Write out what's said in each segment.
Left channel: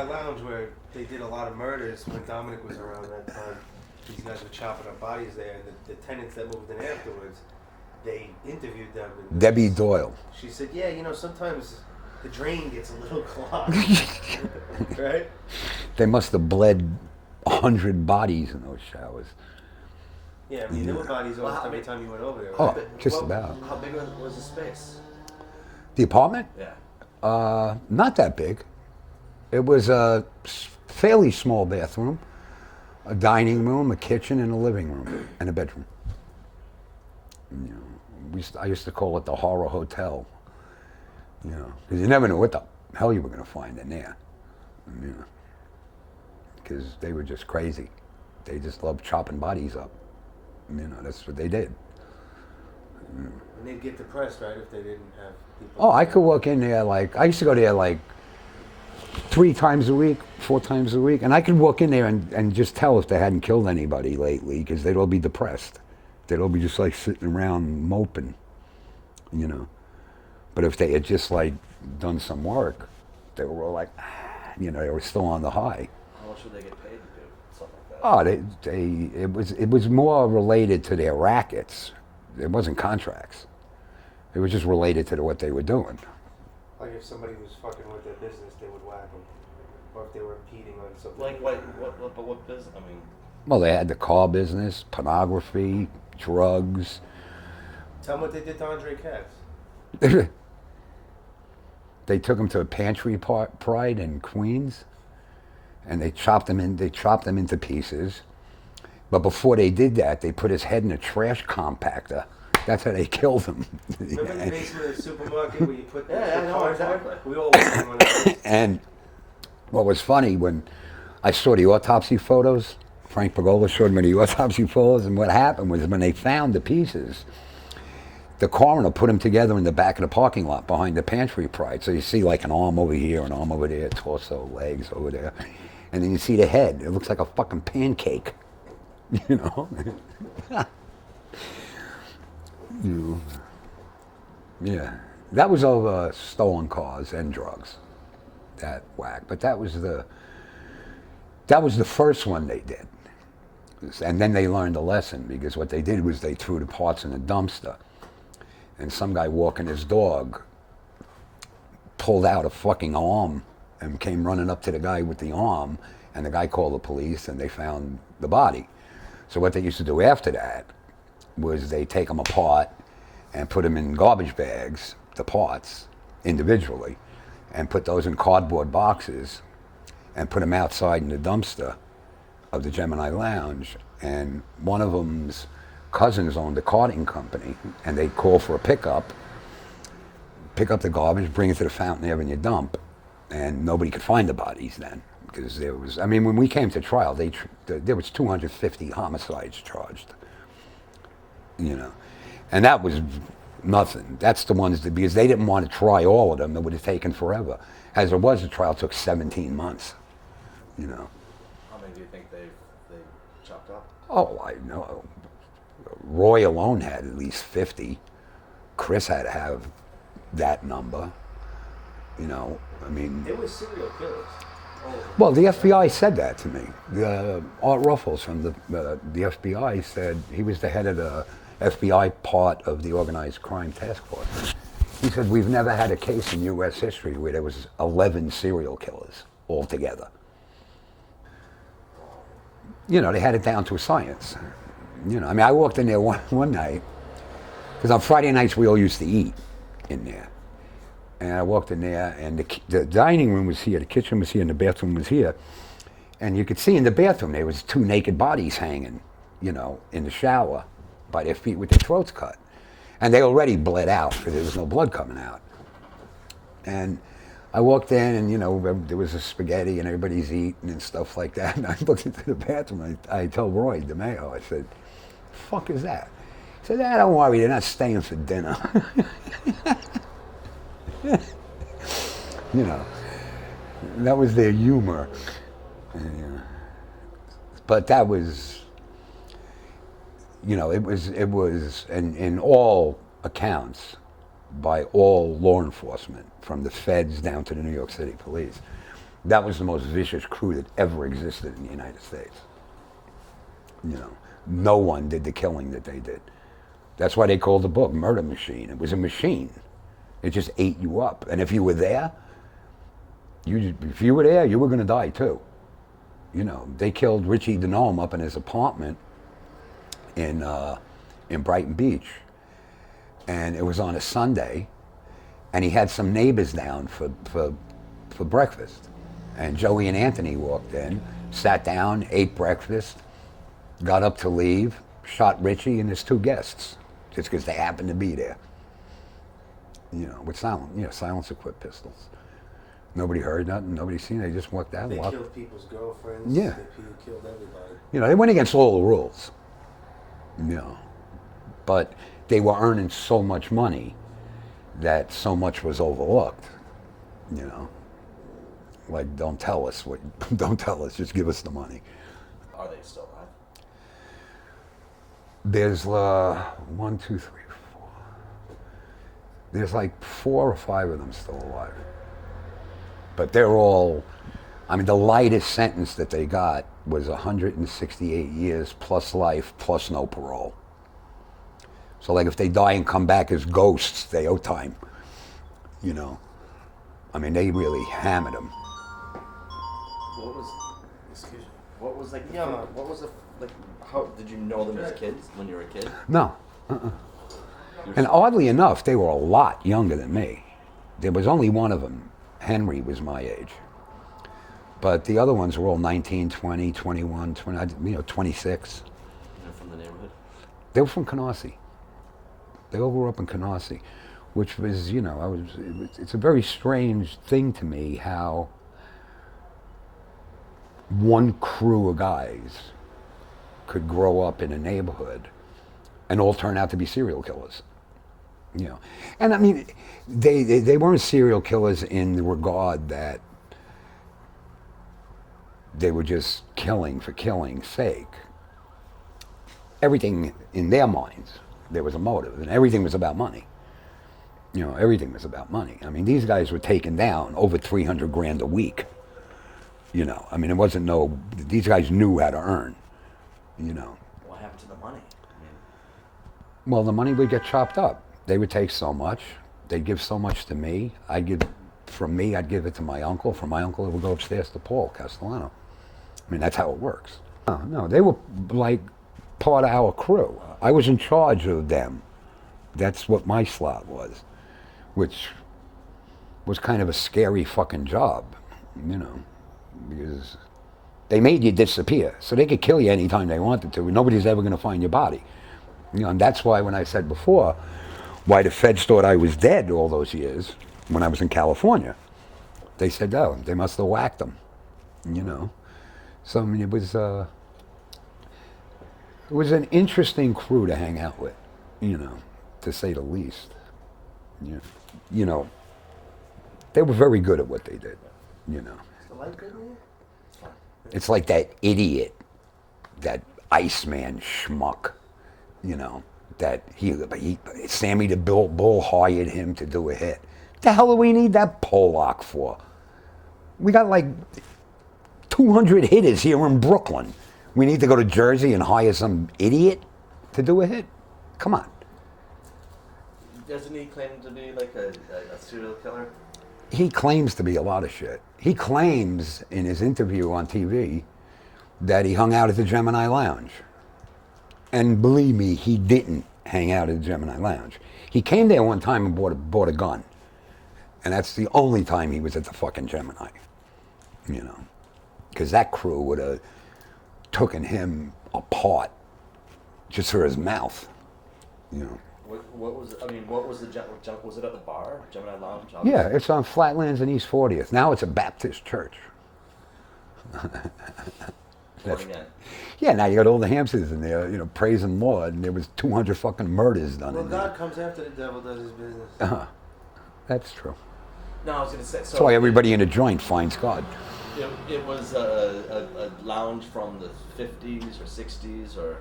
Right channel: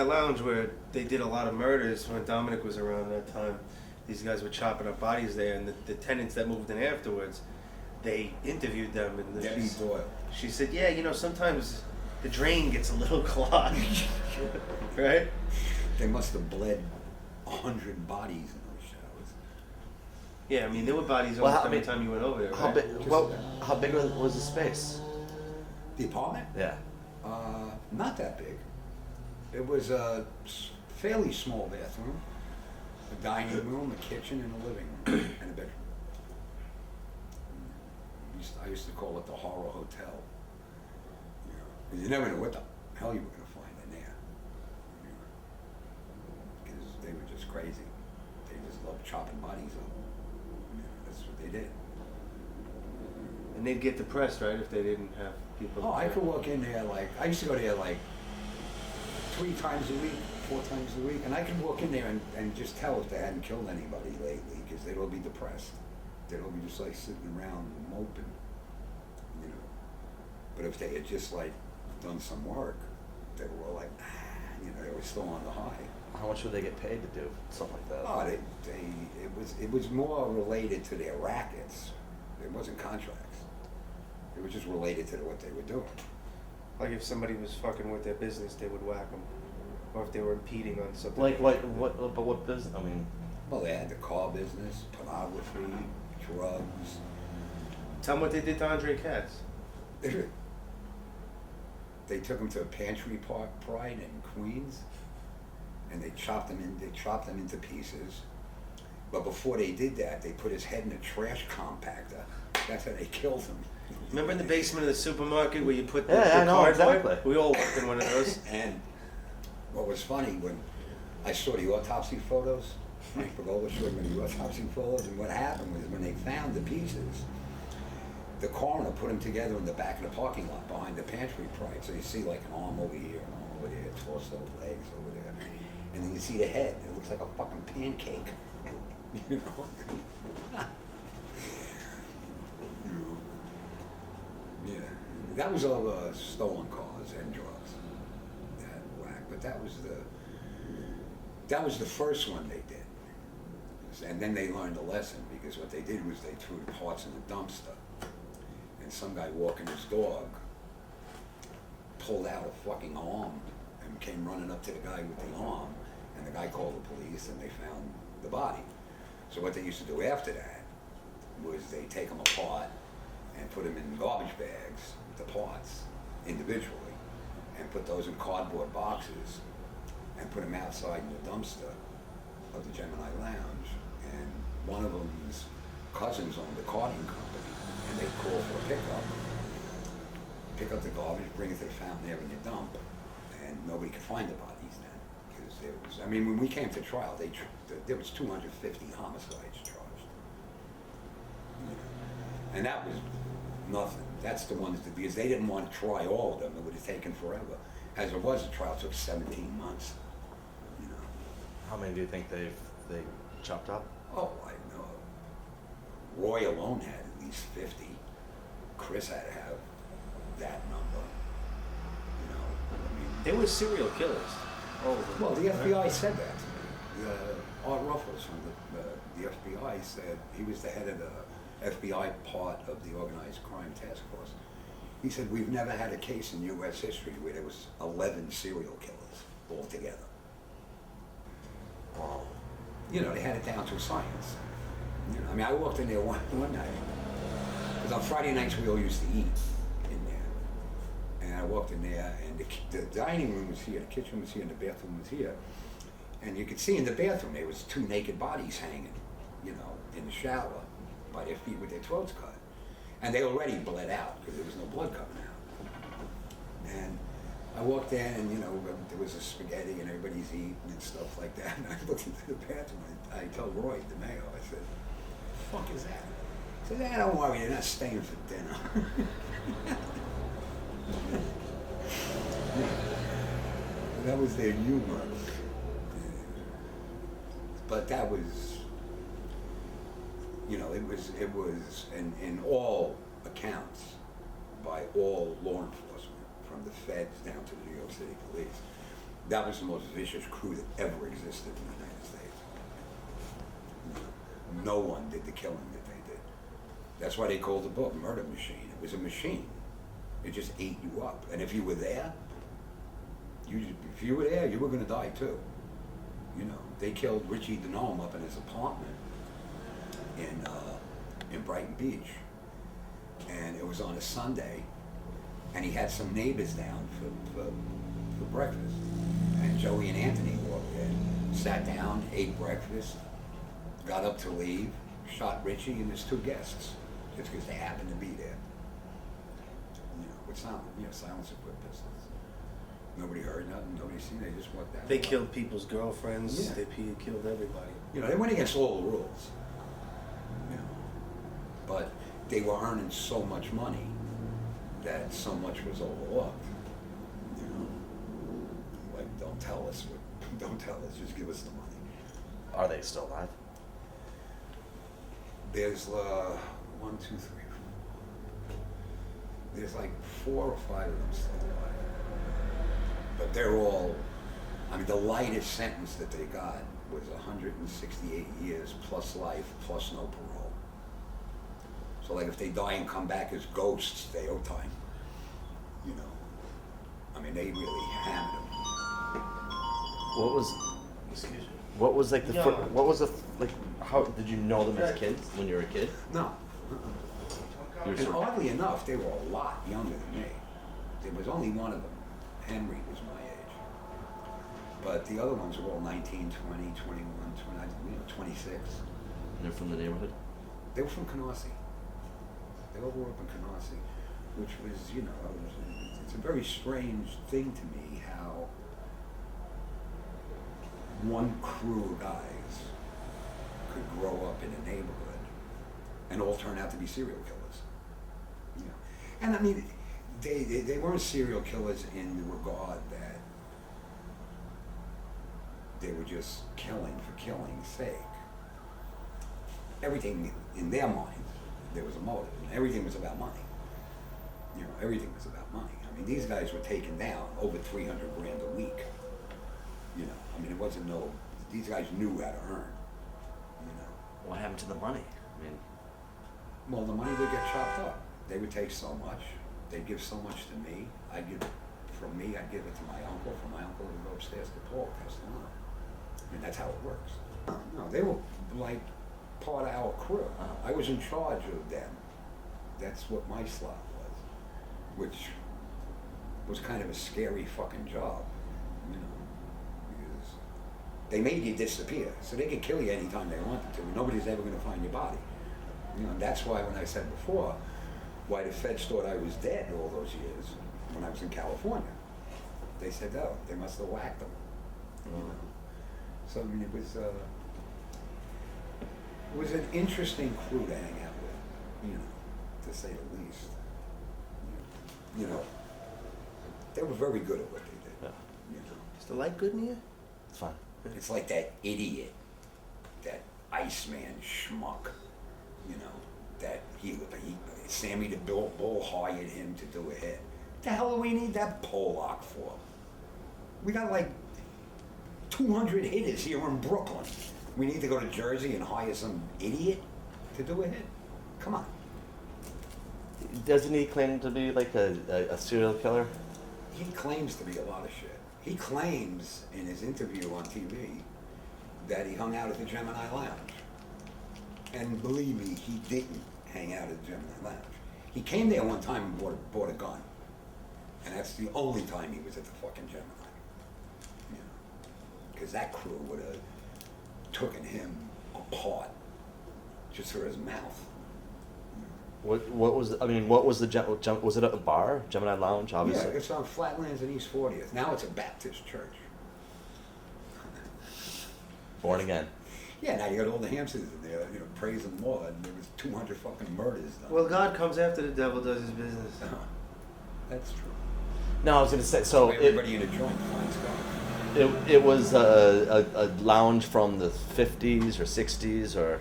Gemini Lounge where they did a lot of murders when Dominick was around that time. These guys were chopping up bodies there, and the tenants that moved in afterwards, they interviewed them. And Debbie Doyle. She said, yeah, sometimes the drain gets a little clogged. Right? They must have bled 100 bodies in those showers. Yeah, I mean, there were bodies every time you went over there, Oh, right? just about. How big was the space? The apartment? Yeah. Not that big. It was a fairly small bathroom, a dining room, a kitchen, and a living room, and a bedroom. I used to call it the horror hotel, because you never knew what the hell you were going to find in there, because they were just crazy. They just loved chopping bodies up. That's what they did. And they'd get depressed, right, if they didn't have people. Oh, I could walk in there I used to go there 3 times a week, 4 times a week, and I could walk in there and just tell if they hadn't killed anybody lately, because they'd all be depressed. They'd all be just sitting around moping, But if they had just done some work, they were all they were still on the high. How much would they get paid to do something like that? Oh, it was more related to their rackets. It wasn't contracts. It was just related to what they were doing. Like if somebody was fucking with their business, they would whack them. Or if they were impeding on something. What business? I mean. Well, they had the car business, pornography, drugs. Tell them what they did to Andre Katz. They took him to a pantry pride in Queens, and they chopped him into pieces. But before they did that, they put his head in a trash compactor. That's how they killed him. Remember in the basement of the supermarket where you put the cardboard? Exactly. We all went in one of those. And what was funny, when I saw the autopsy photos, Frank Pagola showed me the autopsy photos, and what happened was when they found the pieces, the coroner put them together in the back of the parking lot behind the pantry pride. So you see an arm over here, an arm over there, torso, legs over there. And then you see the head. It looks like a fucking pancake. Yeah. That was over stolen cars and drugs. That whack. But that was the first one they did. And then they learned a lesson, because what they did was they threw the parts in a dumpster. And some guy walking his dog pulled out a fucking arm and came running up to the guy with the arm, and the guy called the police, and they found the body. So what they used to do after that was they take them apart and put them in garbage bags, the parts, individually, and put those in cardboard boxes and put them outside in the dumpster of the Gemini Lounge. And one of them's cousins owned a carting company, and they'd call for a pickup, pick up the garbage, bring it to the fountain there, and you dump. And nobody could find the bodies then, because when we came to trial, there was 250 homicides charged, and that was nothing. That's the ones because they didn't want to try all of them. It would have taken forever. As it was, the trial took 17 months, How many do you think they chopped up? Oh, I know. Roy alone had at least 50. Chris had to have that number. They were serial killers. Well, the FBI said that to me. Art Ruffles from the FBI said, he was the head of the FBI part of the Organized Crime Task Force. He said, we've never had a case in U.S. history where there was 11 serial killers altogether. They had it down to a science. I walked in there one night, because on Friday nights we all used to eat in there. And I walked in there, and the dining room was here, the kitchen was here, and the bathroom was here. And you could see in the bathroom there was 2 naked bodies hanging, in the shower by their feet with their throats cut. And they already bled out, because there was no blood coming out. And I walked in, and there was a spaghetti, and everybody's eating and stuff like that. And I looked into the bathroom, I told Roy, Demeo, I said, "The fuck is that?" He said, "Don't worry, they're not staying for dinner." That was their humor. But that was, it was in all accounts, by all law enforcement, from the feds down to the New York City police, That was the most vicious crew that ever existed in the United States. You know, no one did the killing that they did. That's why they called the book Murder Machine. It was a machine. It just ate you up. And if you were there, you were going to die too. You know, they killed Richie DeNome up in his apartment in Brighton Beach. And it was on a Sunday, and he had some neighbors down for breakfast. And Joey and Anthony walked in, sat down, ate breakfast, got up to leave, shot Richie and his 2 guests, just because they happened to be there. You know, with silence-equipped pistols. Nobody heard nothing, nobody seen it, they just walked out. They killed people's girlfriends, yeah. They killed everybody. You know, they went against all the rules. You know, but they were earning so much money that so much was overlooked. You know, like, don't tell us, just give us the money. Are they still alive? There's 1, 2, 3, 4. There's like 4 or 5 of them still alive. But they're all, I mean, the lightest sentence that they got was 168 years plus life plus no parole. So like if they die and come back as ghosts, they owe time. You know, I mean, they really hammered them. What was, Excuse me. what was like the, Yeah. what was the, like, how, did you know them as kids when you were a kid? No. You were And so- oddly enough, they were a lot younger than me. There was only one of them. Henry was my age. But the other ones were all 19, 20, 21, 20, 26. You're from the neighborhood? They were from Canarsie. They all grew up in Canarsie, which was, you know, it's a very strange thing to me how one crew of guys could grow up in a neighborhood and all turn out to be serial killers. You know, and I mean, they weren't serial killers in the regard that they were just killing for killing's sake. Everything in their minds, there was a motive, and everything was about money. You know, everything was about money. I mean, these guys were taking down over 300 grand a week. You know, I mean, it wasn't these guys knew how to earn, you know. What happened to the money? I mean, Well, the money would get chopped up. They would take so much. They'd give so much to me. I'd give it to my uncle. From my uncle, it would go upstairs to Paul Castellano. I mean, that's how it works. No, they were like part of our crew. I was in charge of them. That's what my slot was, which was kind of a scary fucking job, you know, because they made you disappear, so they could kill you anytime they wanted to, and nobody's ever going to find your body. You know, and that's why when I said before, why the feds thought I was dead all those years when I was in California, they said, oh, they must have whacked them, you know. So I mean, it was an interesting crew to hang out with, you know, to say the least. You know, they were very good at what they did, you know. Is the light good in here? it's fine. It's like that idiot, that Iceman schmuck, you know, that Sammy the Bull hired him to do a hit. The hell do we need that Pollock for? We got like 200 hitters here in Brooklyn. We need to go to Jersey and hire some idiot to do a hit? Come on. Doesn't he claim to be like a serial killer? He claims to be a lot of shit. He claims in his interview on TV that he hung out at the Gemini Lounge. And believe me, he didn't hang out at the Gemini Lounge. He came there one time and bought a gun. And that's the only time he was at the fucking Gemini. You know, because that crew would have taken him apart just for his mouth. You know. What was was it at the bar, Gemini Lounge? Yeah, Obviously? it's on Flatlands and East 40th. Now it's a Baptist church. Born again. Yeah, now you got all the hamsters in there, you know, praising Lord, and there was 200 fucking murders done. Well, in God comes after the devil does his business. there. That's true. No, I was going to say. So That's why everybody in a joint finds God. It was a lounge from the 50s or 60s or.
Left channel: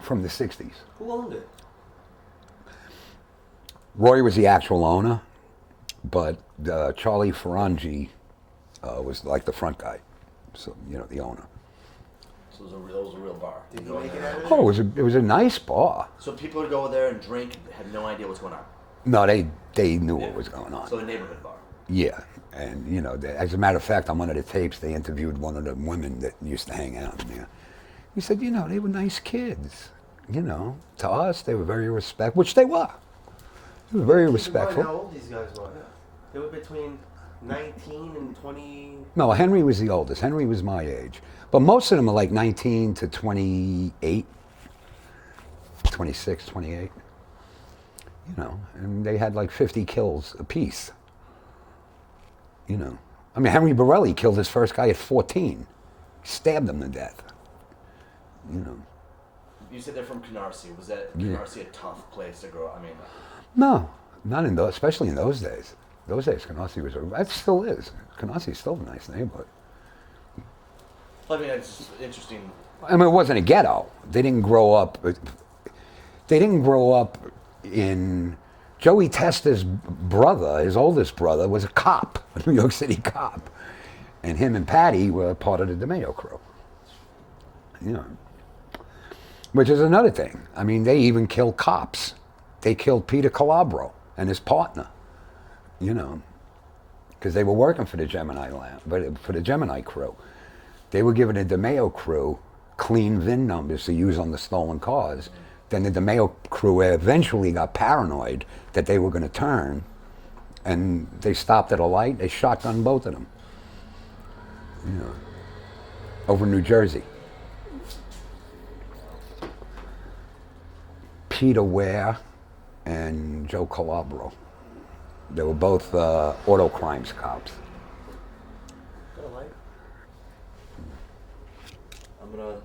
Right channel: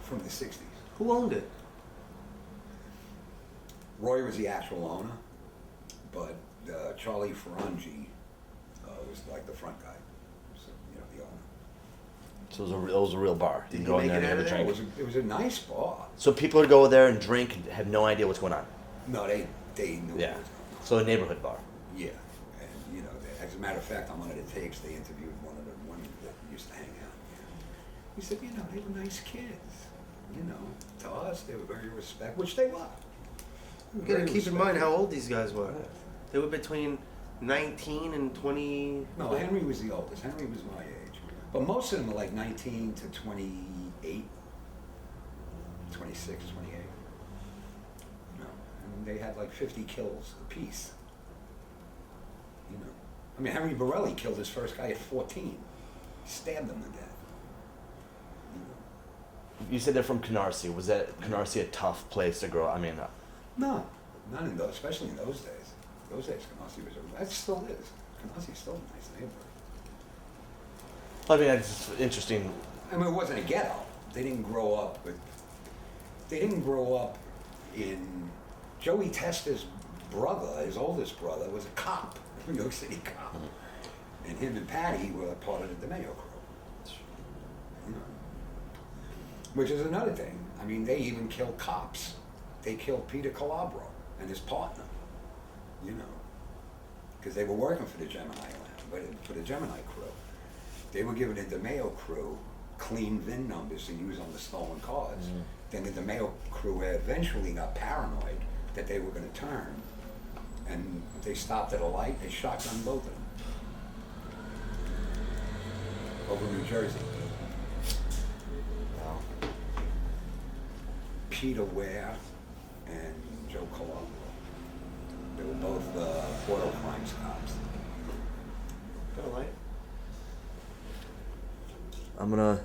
From the 60s. Who owned it? Roy was the actual owner, But Charlie Ferrangi was like the front guy, so the owner. So it was a real bar. Did You you go in make it there out and of drink. there? Oh, it was a nice bar. So people would go there and drink and have no idea what's going on. No, they knew Yeah. what was going on. So a neighborhood bar. Yeah, and as a matter of fact, on one of the tapes, they interviewed one of the women that used to hang out in there. He said, they were nice kids. To us, they were very respectful, which they were. They were very Keep in respectful. mind how old these guys were. They were between 19 and 20. No, Henry was the oldest. Henry was my age. But most of them are like 19 to 28, 26, 28. And they had like 50 kills apiece. I mean, Henry Borelli killed his first guy at 14. He stabbed him to death. You said they're from Canarsie. Was that Yeah. Canarsie a tough place to grow up? I mean, No, not in those, especially in those days. Those days, Canarsie that still is. Canarsie is still a nice neighborhood. I mean, it's just interesting. I mean, it wasn't a ghetto. They didn't grow up. They didn't grow up in. Joey Testa's brother, his oldest brother, was a cop, a New York City cop, and him and Patty were part of the Demeo crew. Which is another thing. I mean, they even killed cops. They killed Peter Calabro and his partner. Because they were working for the Gemini Lounge, but for the Gemini crew. They were giving the Demeo crew clean VIN numbers to use on the stolen cars. Mm-hmm. Then the Demeo crew eventually got paranoid that they were going to turn, and they stopped at a light. They shotgunned both of them. Over New Jersey. Peter Ware and Joe Calabro. They were both auto crimes cops. I'm gonna